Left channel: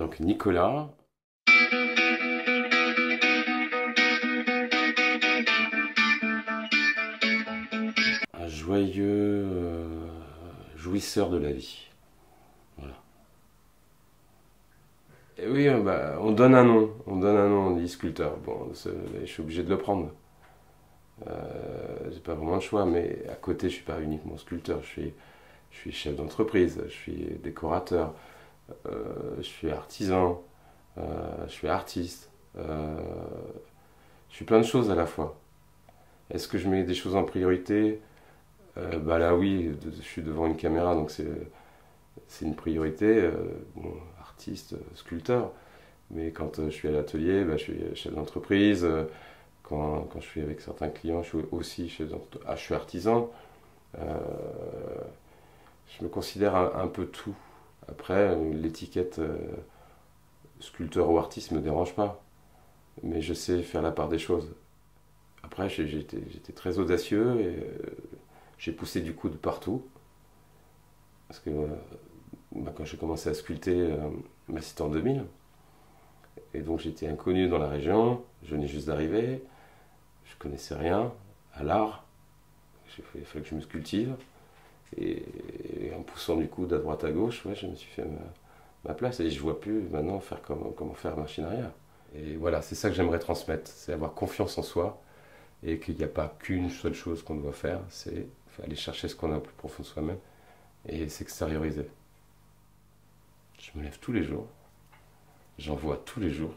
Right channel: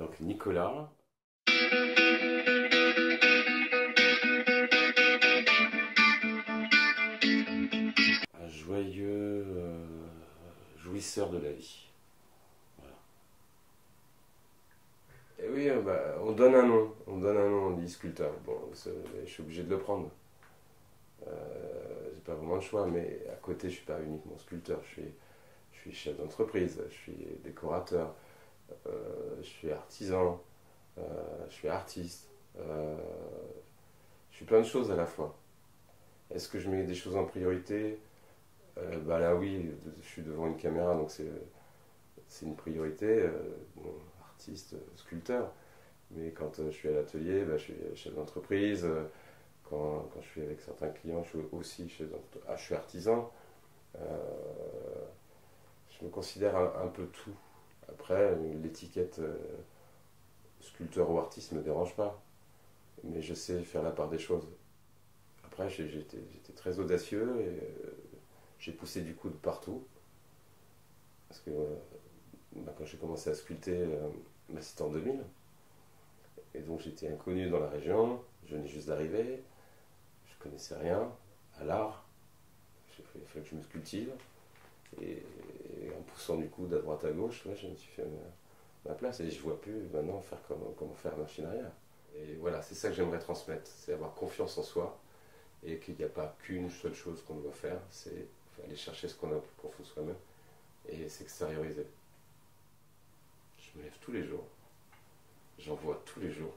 Donc Nicolas, un joyeux jouisseur de la vie. Voilà. Et oui, bah, on donne un nom, on dit sculpteur. Bon, je suis obligé de le prendre. J'ai pas vraiment le choix, mais à côté, je suis pas uniquement sculpteur. Je suis chef d'entreprise, je suis décorateur, je suis artisan, je suis artiste. Je suis plein de choses à la fois. Est-ce que je mets des choses en priorité? Bah là oui, je suis devant une caméra, donc c'est une priorité. Bon, artiste, sculpteur. Mais quand je suis à l'atelier, bah, je suis chef d'entreprise. Quand je suis avec certains clients, je suis aussi je suis artisan. Euh, je me considère un peu tout. Après, l'étiquette sculpteur ou artiste ne me dérange pas. Mais je sais faire la part des choses. Après, j'étais très audacieux et j'ai poussé du coup de partout. Parce que bah, quand j'ai commencé à sculpter, bah, c'était en 2000. Et donc j'étais inconnu dans la région, je venais juste d'arriver, je connaissais rien à l'art. Il fallait que je me cultive. Et en poussant du coup de droite à gauche, ouais, je me suis fait ma place. Et je vois plus maintenant faire comment faire machine arrière. Et voilà, c'est ça que j'aimerais transmettre, c'est avoir confiance en soi et qu'il n'y a pas qu'une seule chose qu'on doit faire, c'est aller chercher ce qu'on a au plus profond de soi-même et s'extérioriser. Je me lève tous les jours, j'en vois tous les jours,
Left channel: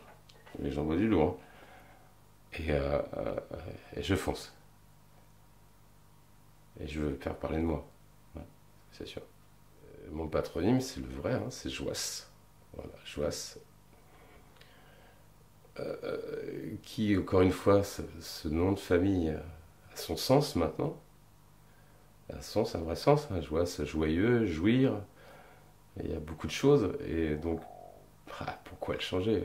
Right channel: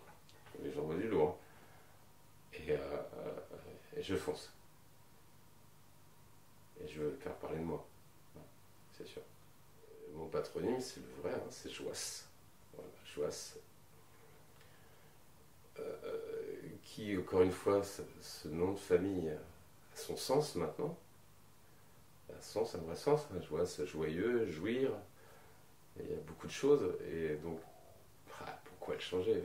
mais j'en vois du lourd, et je fonce. Et je veux faire parler de moi, ouais, c'est sûr. Mon patronyme, c'est le vrai, hein, c'est Joas. Voilà, Joas. Qui, encore une fois, ce nom de famille a son sens maintenant. Un vrai sens. Hein. Joas, joyeux, jouir. Il y a beaucoup de choses. Et donc, pourquoi le changer?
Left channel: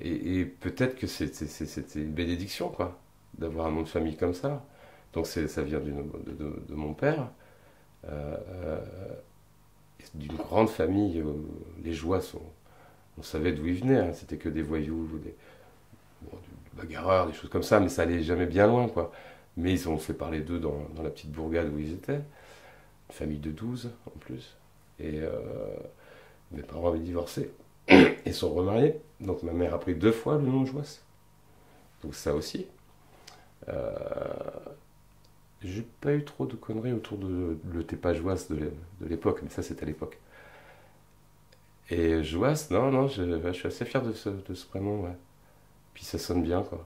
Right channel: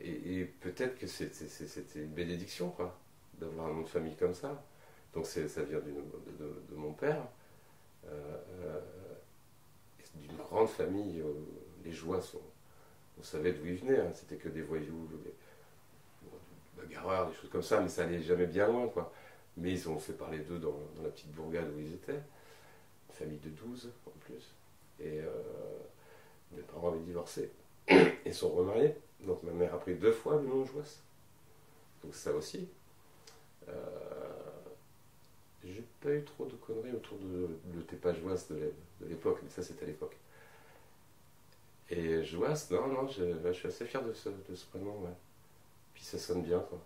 Et peut-être que c'était une bénédiction, quoi, d'avoir un nom de famille comme ça. Donc ça vient de mon père, euh, d'une grande famille où les joies on savait d'où ils venaient. Hein. C'était que des voyous, des bagarreurs, des choses comme ça, mais ça allait jamais bien loin, quoi. Mais ils ont fait parler d'eux dans la petite bourgade où ils étaient. Une famille de 12 en plus. Et mes parents avaient divorcé et sont remariés. Donc ma mère a pris 2 fois le nom de Joas. Donc ça aussi. Euh, j'ai pas eu trop de conneries autour de le t'es pas Joas de l'époque, mais ça c'était à l'époque. Et Joas, non, non, je suis assez fier de ce prénom, ouais. Puis ça sonne bien, quoi.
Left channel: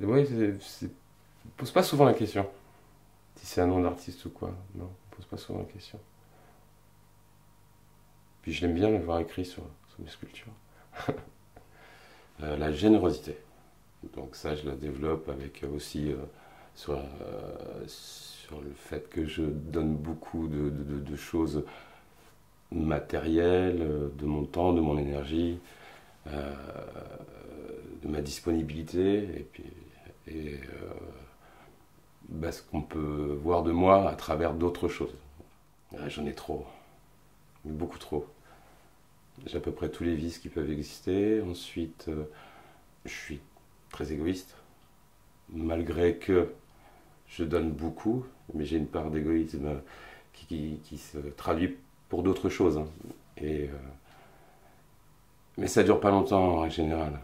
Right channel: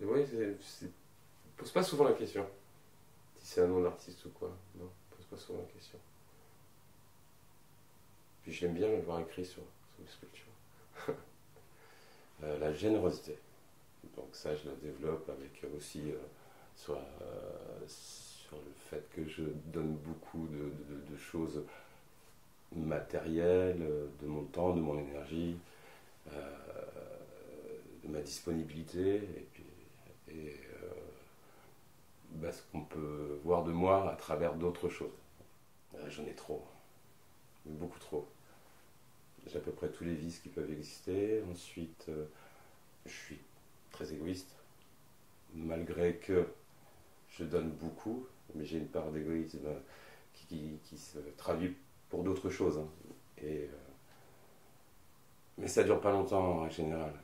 Et ouais, on pose pas souvent la question. Si c'est un nom d'artiste ou quoi. Non, on pose pas souvent la question. Puis j'aime bien le voir écrit sur mes sculptures. La générosité. Donc ça, je la développe avec aussi sur le fait que je donne beaucoup de choses matérielles, de mon temps, de mon énergie, euh, de ma disponibilité, et puis bah, ce qu'on peut voir de moi à travers d'autres choses. J'en ai trop, beaucoup trop. J'ai à peu près tous les vices qui peuvent exister. Ensuite, je suis très égoïste, malgré que je donne beaucoup, mais j'ai une part d'égoïsme qui se traduit pour d'autres choses. Hein. Et, mais ça dure pas longtemps en général.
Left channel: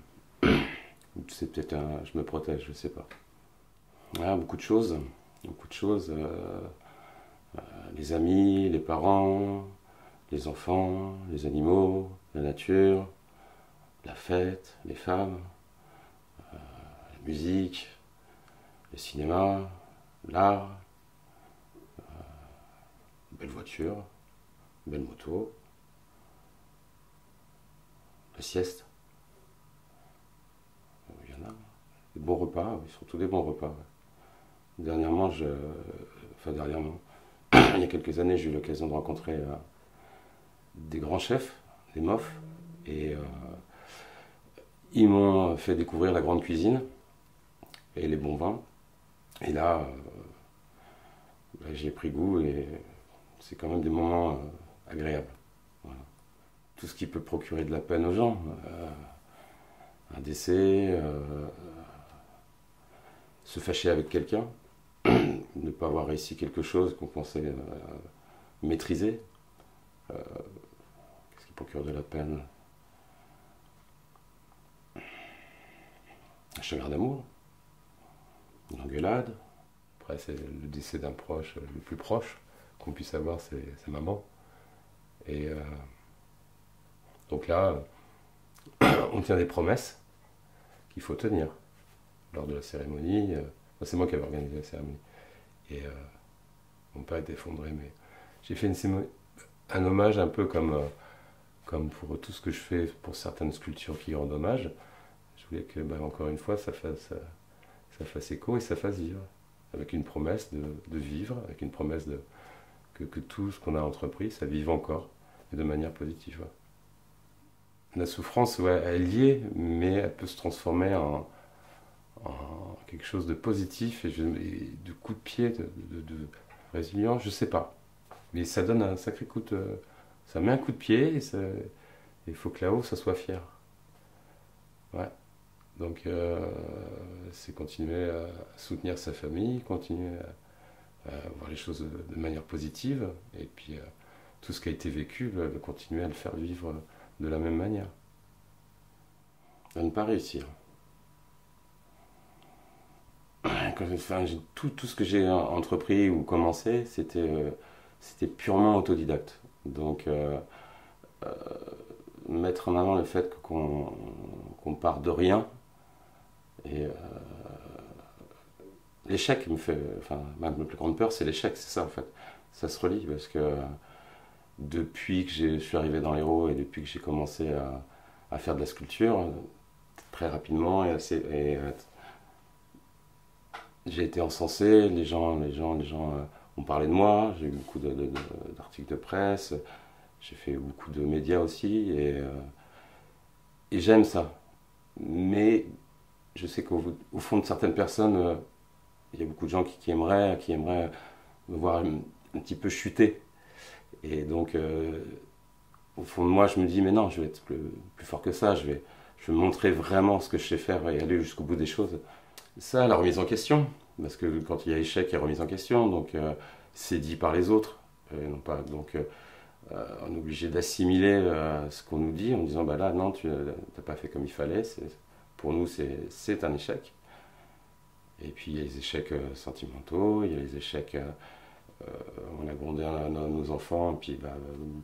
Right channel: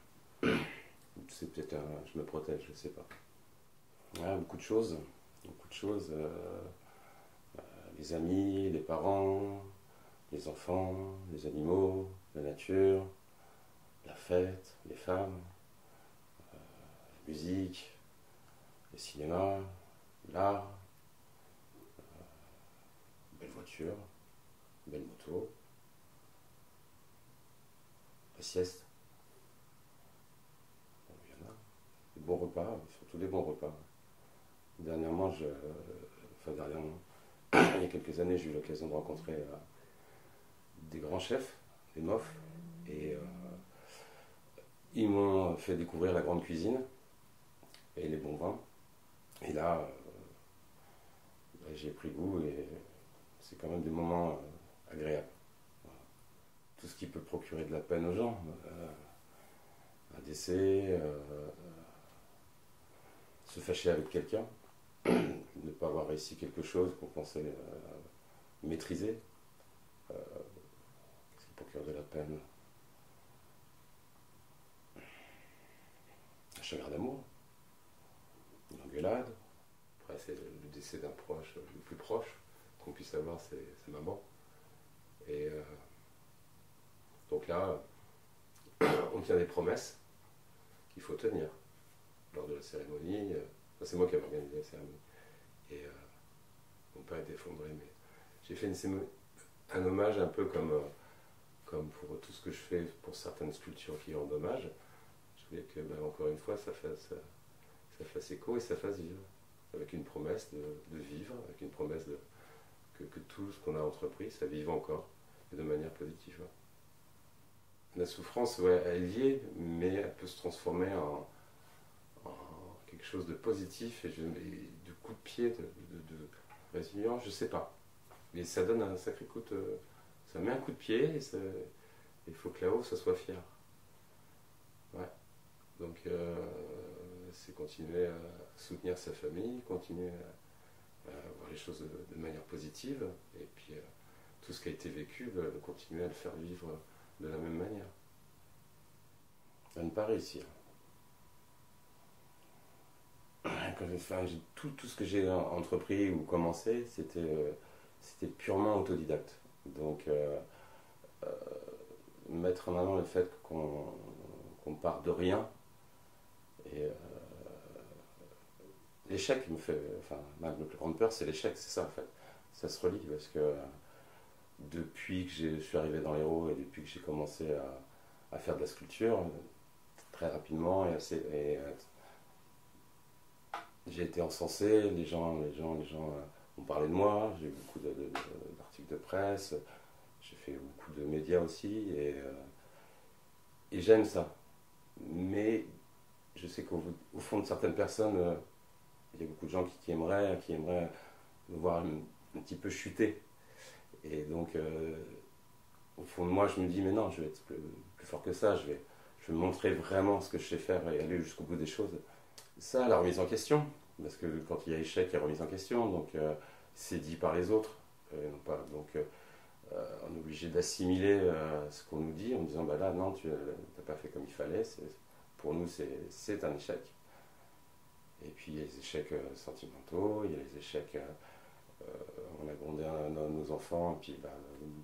C'est peut-être je me protège, je sais pas. Ah, beaucoup de choses, beaucoup de choses. Les amis, les parents, les enfants, les animaux, la nature, la fête, les femmes, la musique, le cinéma, l'art, belle voiture, belle moto, la sieste, il y en a. Des bons repas, oui, surtout des bons repas. Ouais. Dernièrement, il y a quelques années, j'ai eu l'occasion de rencontrer des grands chefs, des mofs, et ils m'ont fait découvrir la grande cuisine et les bons vins. Et là, j'ai pris goût et c'est quand même des moments agréables. Voilà. tout ce qui peut procurer de la peine aux gens. Un décès, se fâcher avec quelqu'un, ne pas avoir réussi quelque chose qu'on pensait maîtriser. Qu'est-ce qui procure de la peine? Un chagrin d'amour, une engueulade. Après, c'est le décès d'un proche, le plus proche qu'on puisse avoir, c'est sa maman. Et donc là, on tient des promesses qu'il faut tenir lors de la cérémonie. C'est moi qui avais organisé la cérémonie. Et mon père est effondré, mais j'ai fait un hommage un peu comme pour tout ce que je fais pour certaines sculptures qui rendent hommage. Je voulais que, encore une fois, ça fasse écho et ça fasse vivre. Avec une promesse de vivre, avec une promesse que tout ce qu'on a entrepris, ça vive encore, et de manière positive. La souffrance, ouais, elle y est, mais elle peut se transformer en quelque chose de positif et de coup de pied, de résilient, je sais pas. Mais ça donne un sacré coup de... Ça met un coup de pied et il faut que là-haut, ça soit fier. Ouais. Donc, c'est continuer à soutenir sa famille, continuer à voir les choses de manière positive, et puis tout ce qui a été vécu, continuer à le faire vivre de la même manière. À ne pas réussir. Tout ce que j'ai entrepris ou commencé, c'était purement autodidacte. Donc, mettre en avant le fait qu'on part de rien. Et l'échec me fait. Enfin, ma plus grande peur, c'est l'échec, c'est ça en fait. Ça se relie parce que depuis que je suis arrivé dans l'Hérault et depuis que j'ai commencé à faire de la sculpture, très rapidement, j'ai été encensé, les gens ont parlé de moi, j'ai eu beaucoup d'articles de presse, j'ai fait beaucoup de médias aussi, et j'aime ça. Mais je sais qu'au fond de certaines personnes, il y a beaucoup de gens qui aimeraient me voir un petit peu chuter. Et donc, au fond de moi, je me dis, mais non, je vais être plus fort que ça, je vais montrer vraiment ce que je sais faire et aller jusqu'au bout des choses. Ça, la remise en question, parce que quand il y a échec, il y a remise en question, donc c'est dit par les autres. Non pas, donc on est obligé d'assimiler ce qu'on nous dit en disant, bah là, non, tu n'as pas fait comme il fallait, pour nous, c'est un échec. Et puis il y a les échecs sentimentaux, il y a les échecs, on a grondé nos enfants, et puis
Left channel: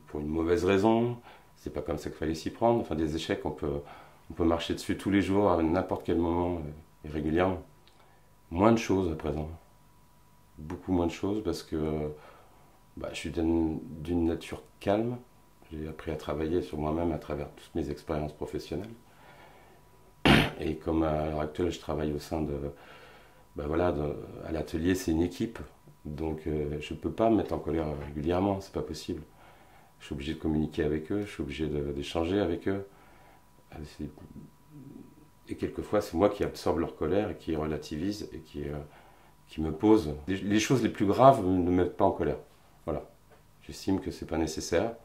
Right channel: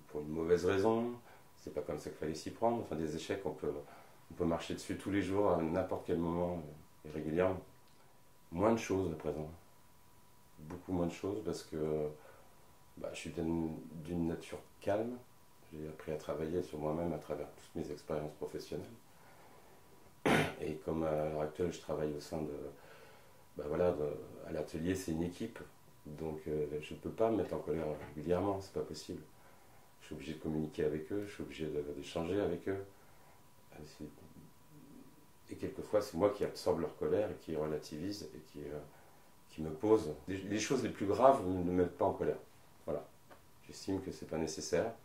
pour une mauvaise raison, c'est pas comme ça qu'il fallait s'y prendre. Enfin, des échecs, on peut marcher dessus tous les jours, à n'importe quel moment, et régulièrement. Moins de choses à présent. Beaucoup moins de choses parce que je suis d'une nature calme. J'ai appris à travailler sur moi-même à travers toutes mes expériences professionnelles. Et comme à l'heure actuelle, je travaille au sein à l'atelier, c'est une équipe. Donc je ne peux pas me mettre en colère régulièrement, c'est pas possible. Je suis obligé de communiquer avec eux, je suis obligé d'échanger avec eux. Et quelquefois, c'est moi qui absorbe leur colère et qui relativise et qui me pose. Les choses les plus graves ne me mettent pas en colère. Voilà. J'estime que c'est pas nécessaire,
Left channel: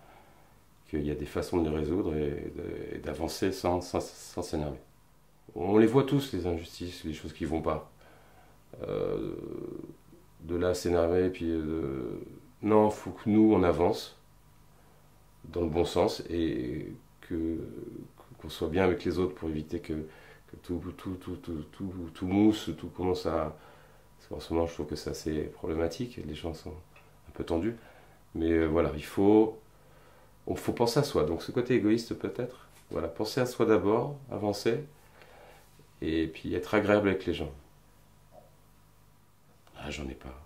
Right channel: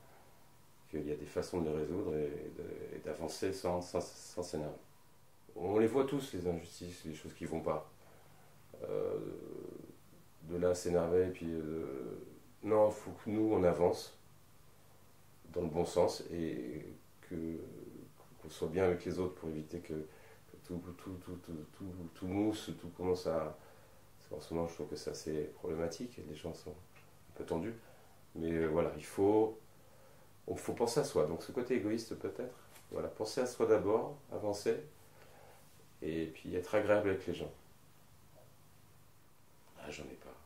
qu'il y a des façons de les résoudre et d'avancer sans s'énerver. On les voit tous, les injustices, les choses qui vont pas. De là à s'énerver, puis non, il faut que nous, on avance dans le bon sens et qu'on soit bien avec les autres pour éviter que tout mousse, tout commence à... En ce moment, je trouve que c'est assez problématique, les gens sont un peu tendus. Mais voilà, il faut penser à soi. Donc ce côté égoïste peut-être, voilà, penser à soi d'abord, avancer, et puis être agréable avec les gens. Ah, j'en ai pas.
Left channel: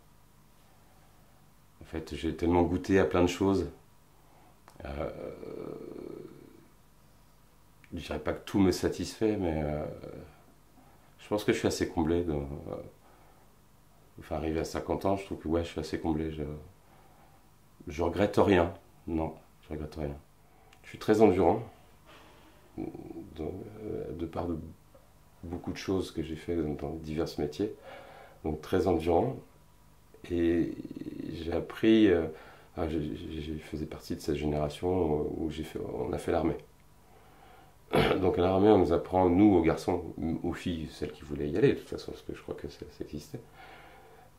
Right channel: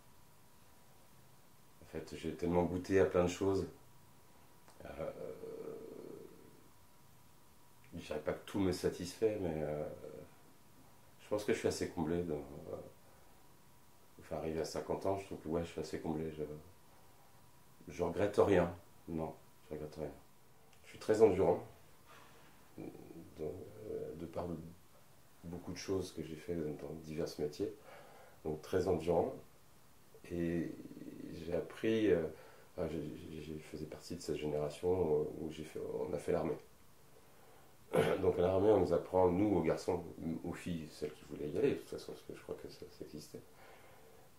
En fait, j'ai tellement goûté à plein de choses. Je dirais pas que tout me satisfait, mais je pense que je suis assez comblé. Enfin, arrivé à 50 ans, je trouve que ouais, je suis assez comblé. Je regrette rien. Non, je regrette rien. Je suis très endurant, de par beaucoup de choses que j'ai fait dans divers métiers. Donc très endurant. Et j'ai appris Je faisais partie de cette génération où on a fait l'armée. Donc à l'armée, on nous apprend, nous, aux garçons, aux filles, celles qui voulaient y aller, de toute façon, parce que je crois que ça existait.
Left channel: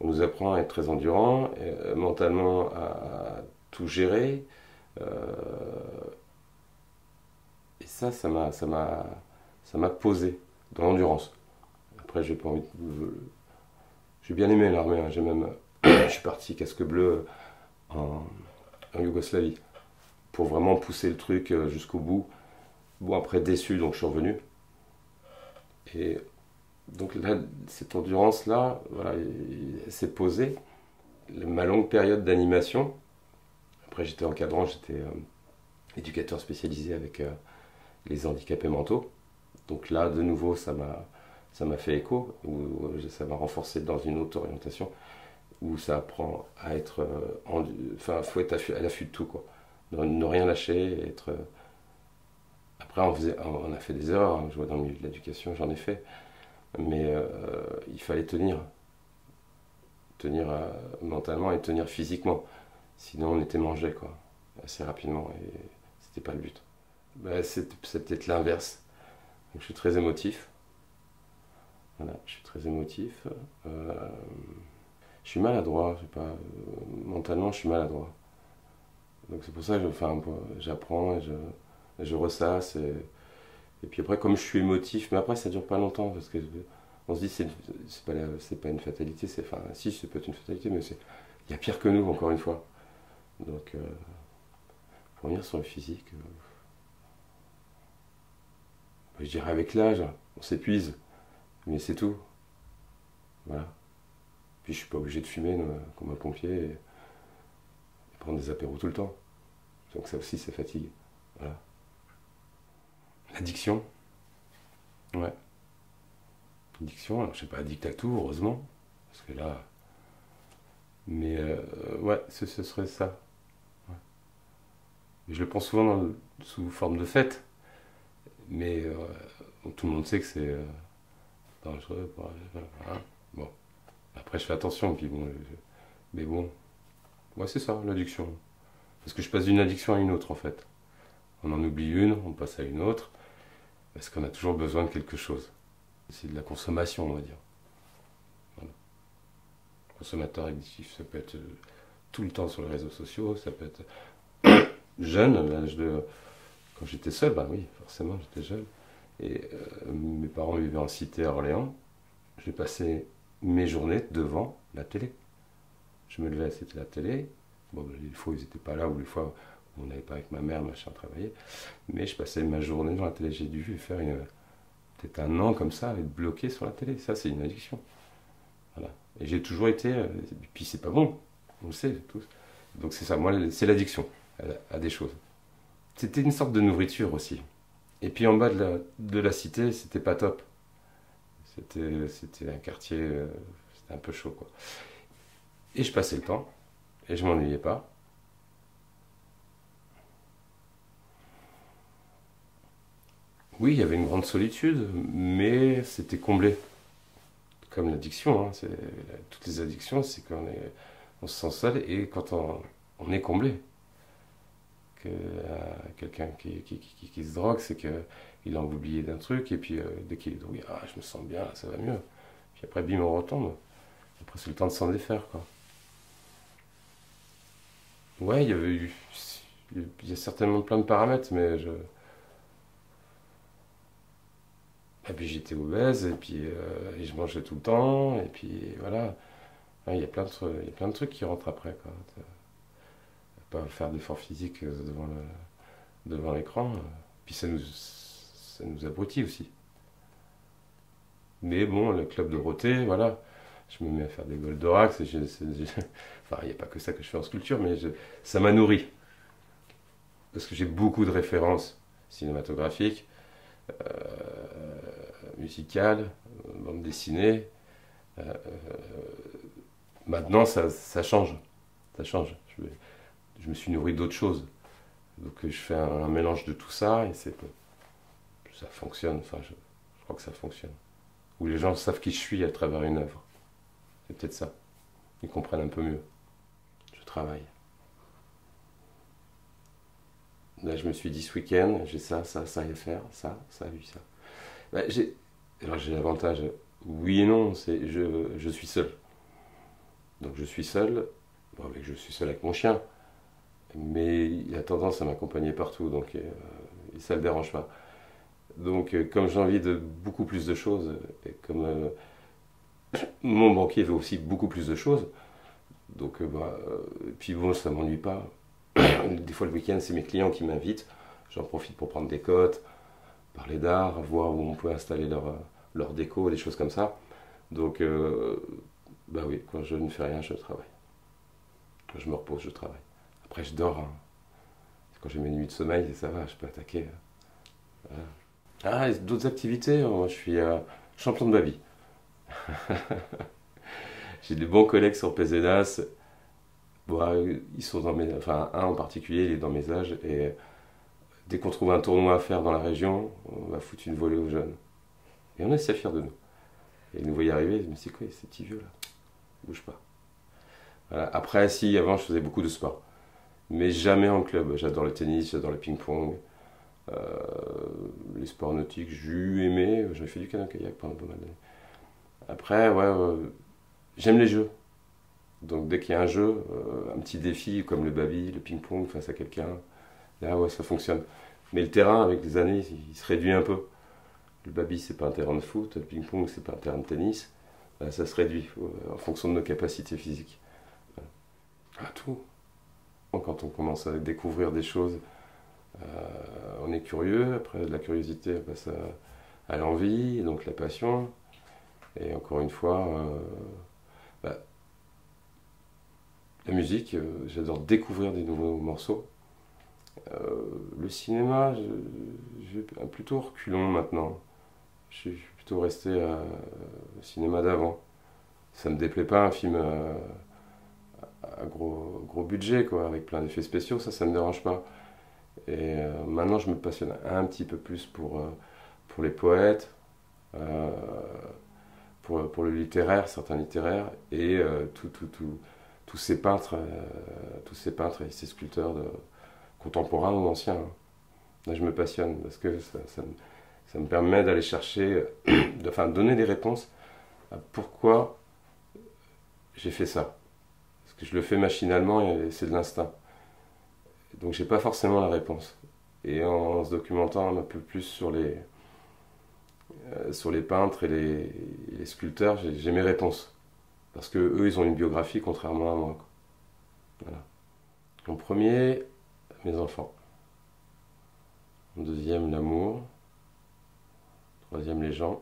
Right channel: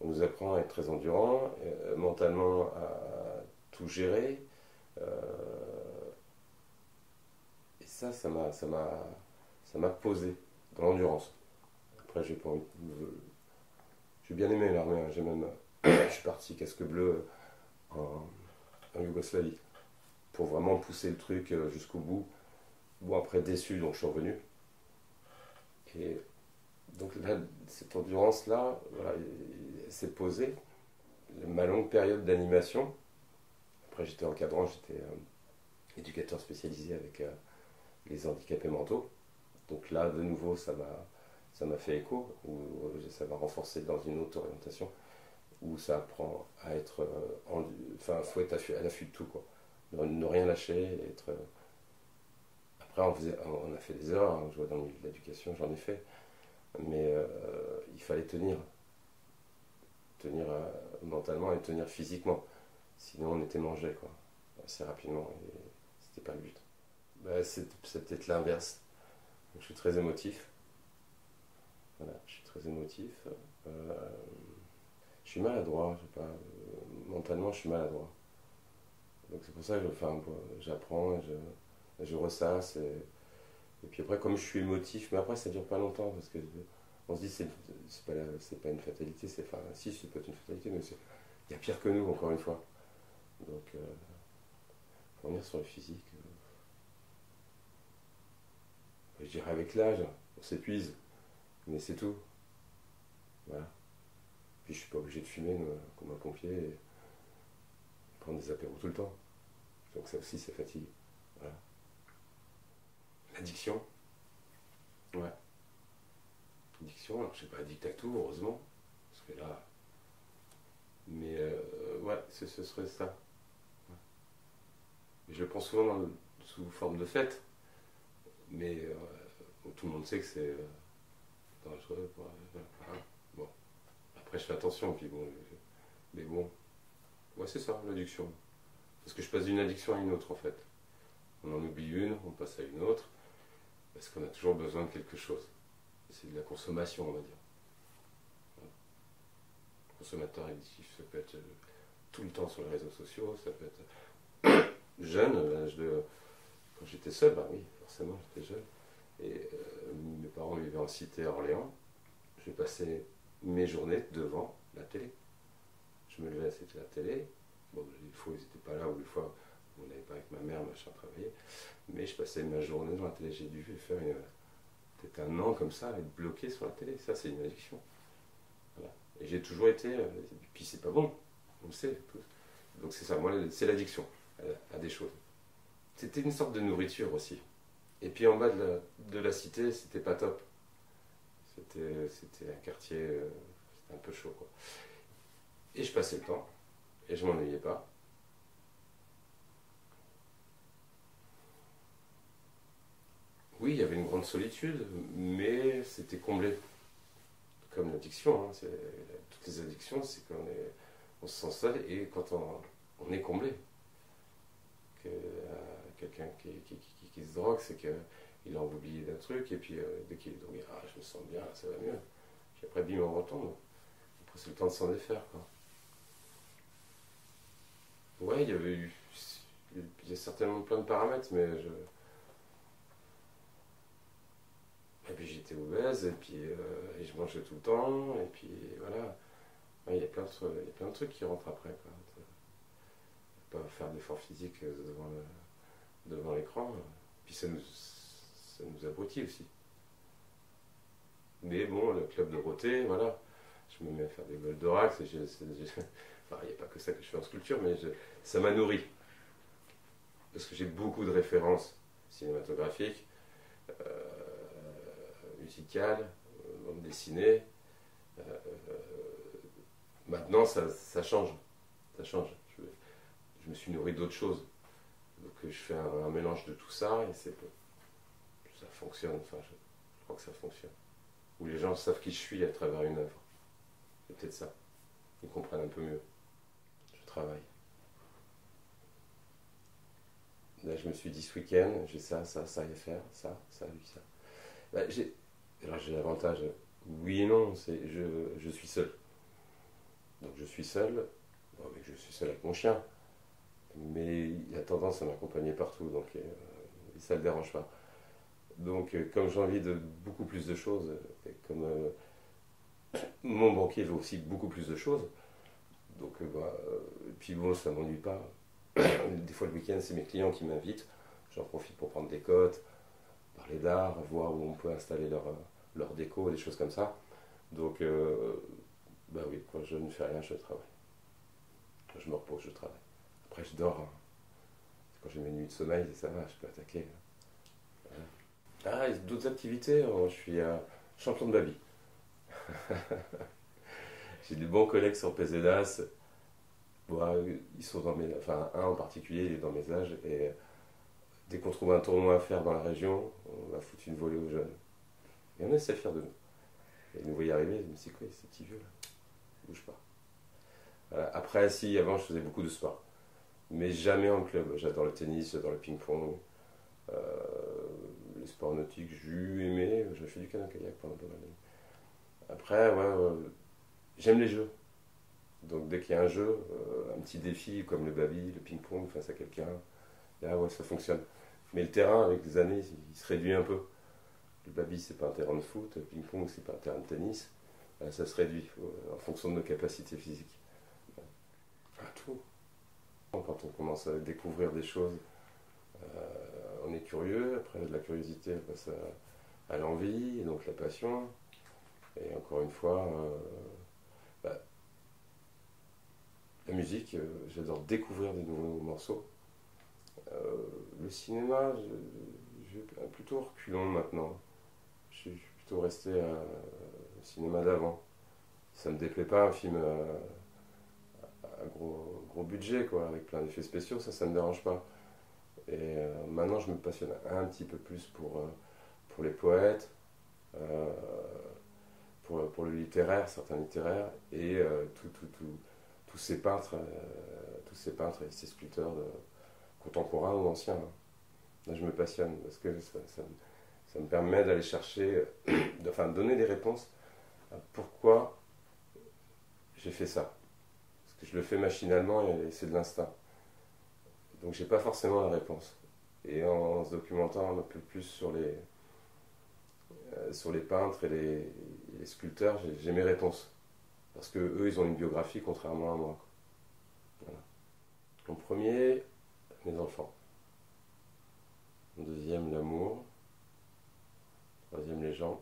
On nous apprend à être très endurant, mentalement à tout gérer. Euh, et ça m'a posé dans l'endurance. Après, j'ai bien aimé l'armée, hein. Je suis parti casque bleu en Yougoslavie pour vraiment pousser le truc jusqu'au bout. Bon, après déçu, donc je suis revenu. Et donc là, cette endurance-là, voilà, elle s'est posée. Ma longue période d'animation, après j'étais encadrant, j'étais éducateur spécialisé avec les handicapés mentaux. Donc là, de nouveau, ça m'a fait écho, ça m'a renforcé dans une autre orientation, où ça apprend à être, enfin, faut être à l'affût de tout, quoi. Ne rien lâcher, être. Après, on a fait des erreurs, hein. Je vois dans le milieu de l'éducation, j'en ai fait, mais il fallait tenir mentalement et tenir physiquement, sinon on était mangé, quoi, assez rapidement, et c'était pas le but. Bah, c'est peut-être l'inverse. Donc, je suis très émotif. Voilà, je suis très émotif. Je suis maladroit, mentalement je suis maladroit. Donc c'est pour ça que j'apprends et je ressasse. Et puis après, comme je suis émotif, mais après ça dure pas longtemps parce que on se dit c'est pas une fatalité, enfin si, c'est peut-être une fatalité, mais il y a pire que nous, encore une fois. Donc pour revenir sur le physique, je dirais avec l'âge, on s'épuise, mais c'est tout. Voilà. Puis je suis pas obligé de fumer comme un pompier et prendre des apéros tout le temps. Donc ça aussi, ça fatigue. Voilà. L'addiction. Ouais. Addiction, alors je suis pas addict à tout, heureusement. Parce que là. Mais ouais, ce serait ça. Ouais. Je le pense souvent sous forme de fête. Mais tout le monde sait que c'est dangereux. Voilà. Bon. Après, je fais attention. Puis bon, mais bon. Ouais, c'est ça, l'addiction. Parce que je passe d'une addiction à une autre, en fait. On en oublie une, on passe à une autre. Parce qu'on a toujours besoin de quelque chose. C'est de la consommation, on va dire. Voilà. Consommateur addictif, ça peut être tout le temps sur les réseaux sociaux, ça peut être jeune, à l'âge de. Quand j'étais seul, bah oui, forcément, j'étais jeune. Et mes parents vivaient en cité à Orléans. J'ai passé mes journées devant la télé. Je me levais, c'était la télé. Bon, des fois, ils n'étaient pas là, ou des fois, on n'avait pas avec ma mère, machin, travailler. Mais je passais ma journée devant la télé. J'ai dû faire peut-être un an comme ça, être bloqué sur la télé. Ça, c'est une addiction. Voilà. Et j'ai toujours été. Et puis, c'est pas bon. On le sait tous. Donc, c'est ça. Moi, c'est l'addiction à des choses. C'était une sorte de nourriture aussi. Et puis, en bas de la cité, c'était pas top. C'était un quartier. C'était un peu chaud, quoi. Et je passais le temps. Et je m'ennuyais pas. Oui, il y avait une grande solitude, mais c'était comblé. Comme l'addiction, hein, toutes les addictions, c'est on se sent seul et quand on est comblé. Quelqu'un qui se drogue, c'est qu'il a oublié d'un truc et puis dès qu'il est drogué, je me sens bien, ça va mieux. Puis après, bim, on retombe. Après, c'est le temps de s'en défaire, quoi. Ouais, il y a certainement plein de paramètres, mais et puis j'étais obèse, et puis et je mangeais tout le temps, et puis voilà. Ouais, il y a plein de trucs qui rentrent après, quoi. Pas faire d'efforts physiques devant l'écran. Puis ça nous abrutit aussi. Mais bon, le club de Dorothée, voilà. Je me mets à faire des Goldorak. Enfin, il n'y a pas que ça que je fais en sculpture, mais ça m'a nourri. Parce que j'ai beaucoup de références cinématographiques, musicales, bande dessinée. Maintenant, ça change. Ça change. Je me suis nourri d'autres choses. Donc je fais un mélange de tout ça et ça fonctionne. Enfin, je crois que ça fonctionne. Où les gens savent qui je suis à travers une œuvre. C'est peut-être ça. Ils comprennent un peu mieux. Je travaille. Là, je me suis dit ce week-end, j'ai ça à faire, ça, lui, ça. Bah, alors j'ai l'avantage, oui et non, je suis seul. Donc je suis seul, bon, mais je suis seul avec mon chien, mais il a tendance à m'accompagner partout, donc ça ne le dérange pas. Donc comme j'ai envie de beaucoup plus de choses, et comme mon banquier veut aussi beaucoup plus de choses, donc puis bon, ça m'ennuie pas. Des fois le week-end, c'est mes clients qui m'invitent, j'en profite pour prendre des cotes, parler d'art, voir où on peut installer leur déco, des choses comme ça. Donc, bah oui, quand je ne fais rien, je travaille. Quand je me repose, je travaille. Après, je dors, hein. Quand j'ai mes nuits de sommeil, ça va, je peux attaquer. Voilà. Ah, et d'autres activités, je suis champion de ma vie. J'ai des bons collègues sur PZAS. Bon, ils sont dans mes, enfin, un en particulier, il est dans mes âges. Et dès qu'on trouve un tournoi à faire dans la région, on va foutre une volée aux jeunes. Et on est assez fiers de nous. Et ils nous voyaient arriver, ils me disent, c'est quoi ces petits vieux là? Bouge pas. Voilà. Après, si, avant, je faisais beaucoup de sport. Mais jamais en club. J'adore le tennis, j'adore le ping-pong. Euh, les sports nautiques, j'ai aimé. J'avais fait du canoë-kayak pendant pas mal d'années. Après, ouais, j'aime les jeux. Donc dès qu'il y a un jeu, un petit défi comme le baby, le ping-pong face à quelqu'un, là, ouais, ça fonctionne. Mais le terrain, avec les années, il se réduit un peu. Le baby, c'est pas un terrain de foot. Le ping-pong, c'est pas un terrain de tennis. Là, ça se réduit en fonction de nos capacités physiques. À tout. Quand on commence à découvrir des choses, on est curieux. Après, de la curiosité, elle passe à l'envie, donc la passion. Et encore une fois, bah, la musique, j'adore découvrir des nouveaux morceaux. Le cinéma, je vais plutôt reculons maintenant. Je suis plutôt resté au cinéma d'avant. Ça me déplaît pas un film à gros budget, quoi, avec plein d'effets spéciaux, ça me dérange pas. Et maintenant, je me passionne un petit peu plus pour les poètes, euh, pour le littéraire, certains littéraires, et tous tous ces peintres et ces sculpteurs contemporains ou anciens, hein. Là, je me passionne parce que ça me permet d'aller chercher, enfin, donner des réponses à pourquoi j'ai fait ça. Parce que je le fais machinalement et c'est de l'instinct. Donc, j'ai pas forcément la réponse. Et en se documentant un peu plus sur les peintres et les sculpteurs, j'ai mes réponses. Parce que eux, ils ont une biographie contrairement à moi. Voilà. En premier, mes enfants. En deuxième, l'amour. Troisième, les gens.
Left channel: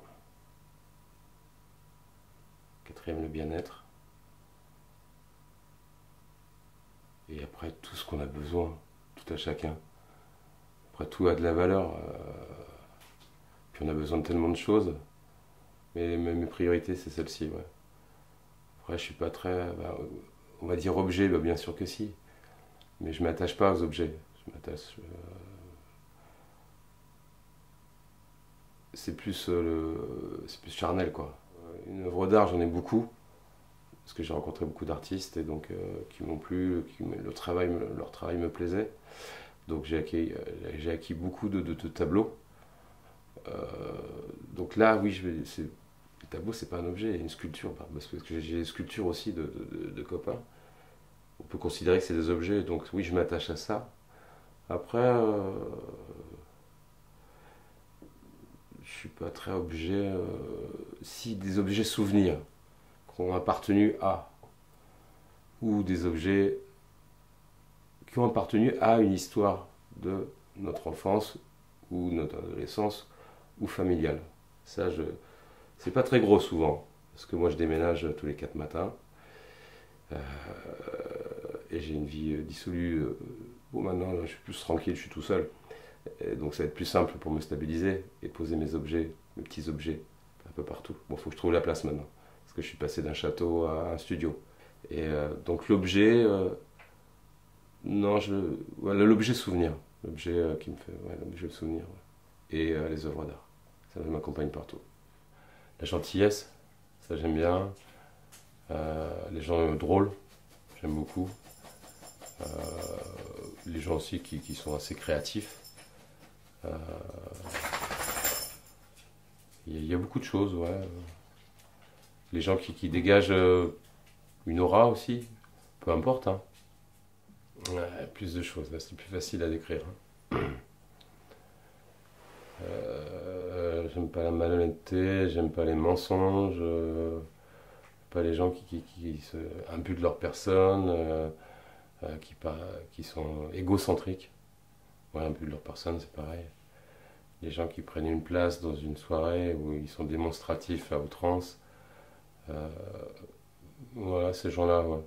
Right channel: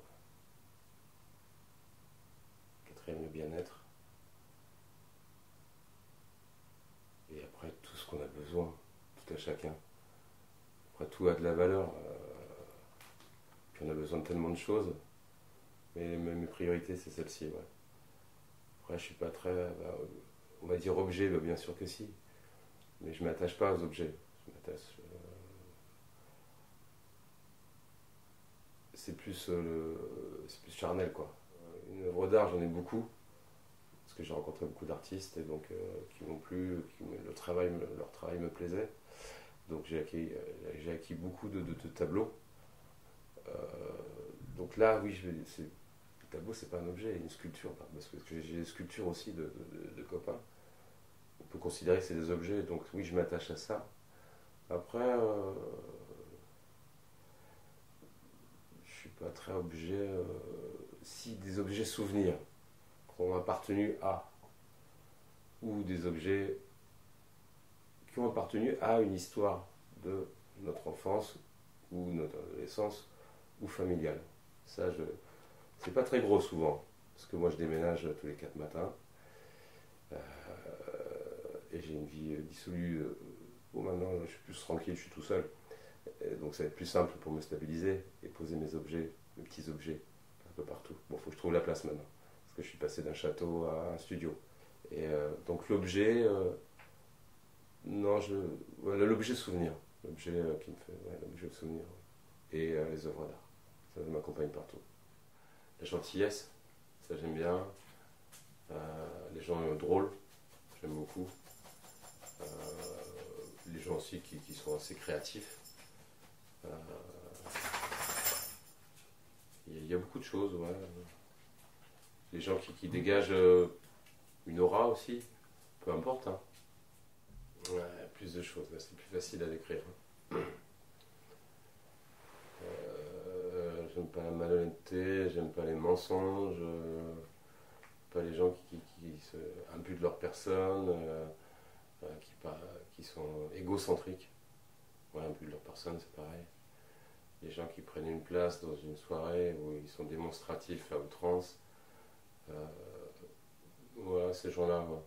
Quatrième, le bien-être. Et après, tout ce qu'on a besoin, tout à chacun. Après, tout a de la valeur. Puis on a besoin de tellement de choses. Mais mes priorités, c'est celle-ci, ouais. Après, je suis pas très, on va dire objet, bah, bien sûr que si. Mais je m'attache pas aux objets. Je m'attache. C'est plus charnel, quoi. Une œuvre d'art, j'en ai beaucoup parce que j'ai rencontré beaucoup d'artistes et donc qui m'ont plu, leur travail me plaisait. Donc j'ai acquis beaucoup de tableaux. Euh, donc là, oui, le tableau, c'est pas un objet, une sculpture, parce que j'ai des sculptures aussi de copains. On peut considérer que c'est des objets, donc oui, je m'attache à ça. Après, je suis pas très objet. Si des objets souvenirs qui ont appartenu à, ou des objets qui ont appartenu à une histoire de notre enfance ou notre adolescence ou familiale. Ça, c'est pas très gros souvent, parce que moi je déménage tous les 4 matins et j'ai une vie dissolue. Bon, maintenant je suis plus tranquille, je suis tout seul. Et donc ça va être plus simple pour me stabiliser et poser mes objets, mes petits objets, un peu partout. Bon, il faut que je trouve la place maintenant, parce que je suis passé d'un château à un studio. Et donc l'objet, non, voilà, l'objet souvenir, l'objet qui me fait, ouais, l'objet de souvenir, ouais. Et les œuvres d'art, ça m'accompagne partout. La gentillesse, ça j'aime bien. Les gens drôles, j'aime beaucoup. les gens aussi qui sont assez créatifs. Euh, il y a beaucoup de choses, ouais. Les gens qui dégagent une aura aussi, peu importe, hein. Ouais, plus de choses, là c'est plus facile à décrire, hein. J'aime pas la malhonnêteté, j'aime pas les mensonges, pas les gens qui se imbuent de leur personne, qui, qui sont égocentriques. Ouais, imbues de leur personne, c'est pareil. Les gens qui prennent une place dans une soirée où ils sont démonstratifs à outrance, voilà, ces gens-là, ouais.